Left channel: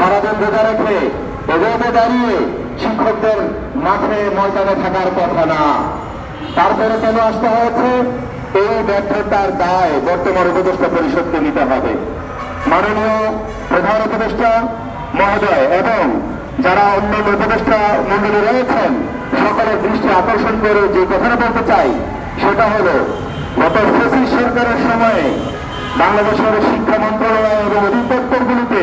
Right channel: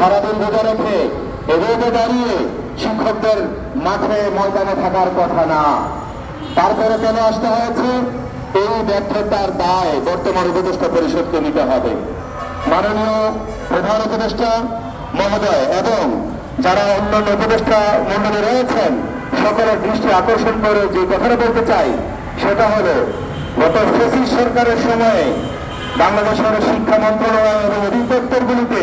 সারাদিন রোজা রেখে রোদে দাঁড়িয়ে শিক্ষকদের মাঠে ময়দানে থাকার কথা না। তারপরে কেন আসতে হয়েছে? এই ব্যর্থতার দায় বর্তমান উপদেষ্টা পরিষদকে নিতে হবে। মাননীয় প্রধান উপদেষ্টা মহোদয় এবং যারা অন্যান্য উপদেষ্টা মন্ডলে রয়েছেন সকলের দৃষ্টি আকর্ষণ করে যে কথাটা বলতে চাই সেটা হলো, গত ফ্যাসিস্ট সরকারের সময়ে বাংলাদেশের শিক্ষা মন্ত্রণালয় এবং অধিদপ্তরগুলিতে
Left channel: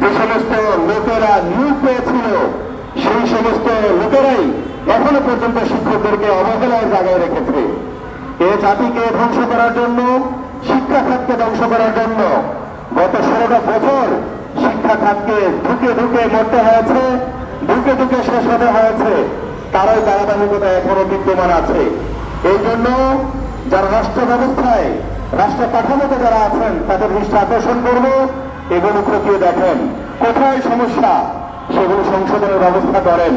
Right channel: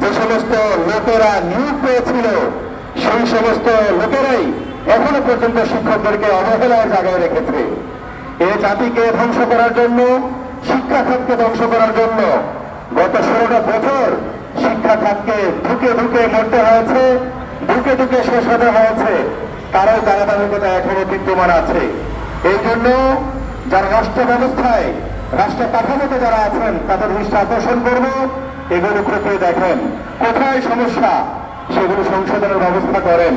যে সমস্ত লোকেরা নিয়োগ পেয়েছিল সেই সমস্ত লোকেরাই এখনো পর্যন্ত শিক্ষকদেরকে অবহেলায় জায়গায় রেখেছে। এ জাতিকে ধ্বংস করার জন্য, শিক্ষা খাতকে ধ্বংস করার জন্য গত 16টা বছর শিক্ষা খাতকে ঢুকে ঢুকে মরতে হয়েছে, ঢুকে ঢুকে শেষ হতে হয়েছে। কারোর ধারাবাহিকতা এখনো বিদ্যমান আছে। এই জন্য যারা রাষ্ট্র ব্যবস্থায়, রাষ্ট্র কাঠামোতে যারা আছেন তাদের দৃষ্টি আকর্ষণ করব, এগুলো খতিয়ে দেখেন কোথায় সমস্যা, সেগুলো সংশোধনের ব্যবস্থা করেন।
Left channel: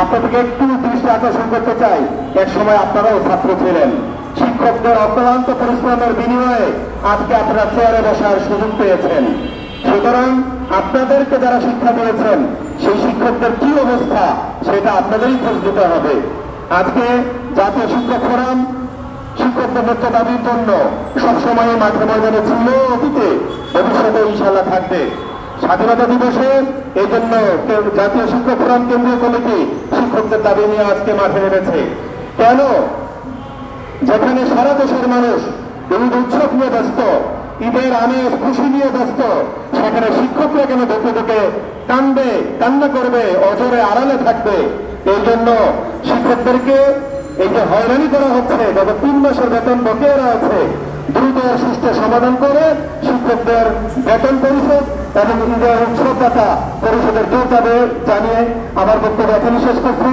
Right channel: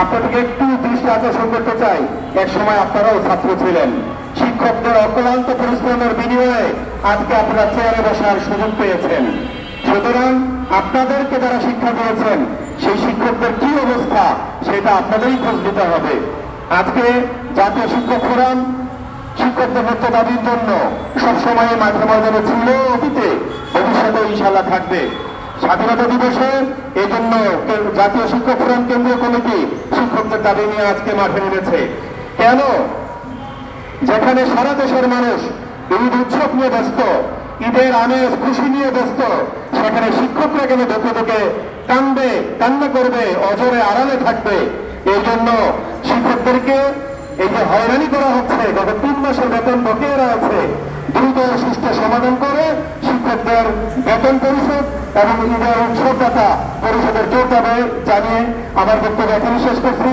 আপনাদেরকে একটু দৃষ্টি আকর্ষণ করতে চাই, এক সময় আপনারাও ছাত্র ছিলেন। শিক্ষকদের অক্লান্ত পরিশ্রমের বিনিময়ে আজকে আপনারা চেয়ারে বসার সুযোগ পেয়েছেন। সুতরাং আপনাদেরকে যারা শিক্ষা দিয়েছেন সেই শিক্ষকদের কি অবস্থা সেটা আপনাদেরই খোঁজ দিতে হবে। আজকে জাতীয় শিক্ষক ফোরাম শিক্ষকদের ন্যায্য দাবির জন্য সবসময় মাঠে ময়দানে ছিল, অতীতে, ভবিষ্যতে ইনশাআল্লাহ থাকবে। স্বাধীনতা দিবসে এই জন্য জাতীয় শিক্ষক ফোরাম কেন্দ্রীয় কমিটি শিক্ষকদের দাবি নিয়ে আজকে মাঠে নেমেছে। কেন? যেখানে সারা দেশের মানুষ ঈদ উৎসব নিয়ে ব্যস্ত, ঈদের আমেজ খুশি নিয়ে ব্যস্ত, সেখানে শিক্ষকরা কেন ঢুকে ঢুকে কান্দবে, কান্না করবে, অজরে আড়ালে থাকবে? এই জন্য শিক্ষকদেরকে এই যে হয়রানি করা হচ্ছে, গত 3 মাসের বেতন বকেয়া রয়েছে, দ্রুত সুষ্ঠু সমাধান করে শিক্ষকদের বেতন পরিশোধ এবং ঈদের উৎসবদাতা পরিষদের জোর দাবি জানিয়ে আমার বক্তব্য এখানে শেষ করছি।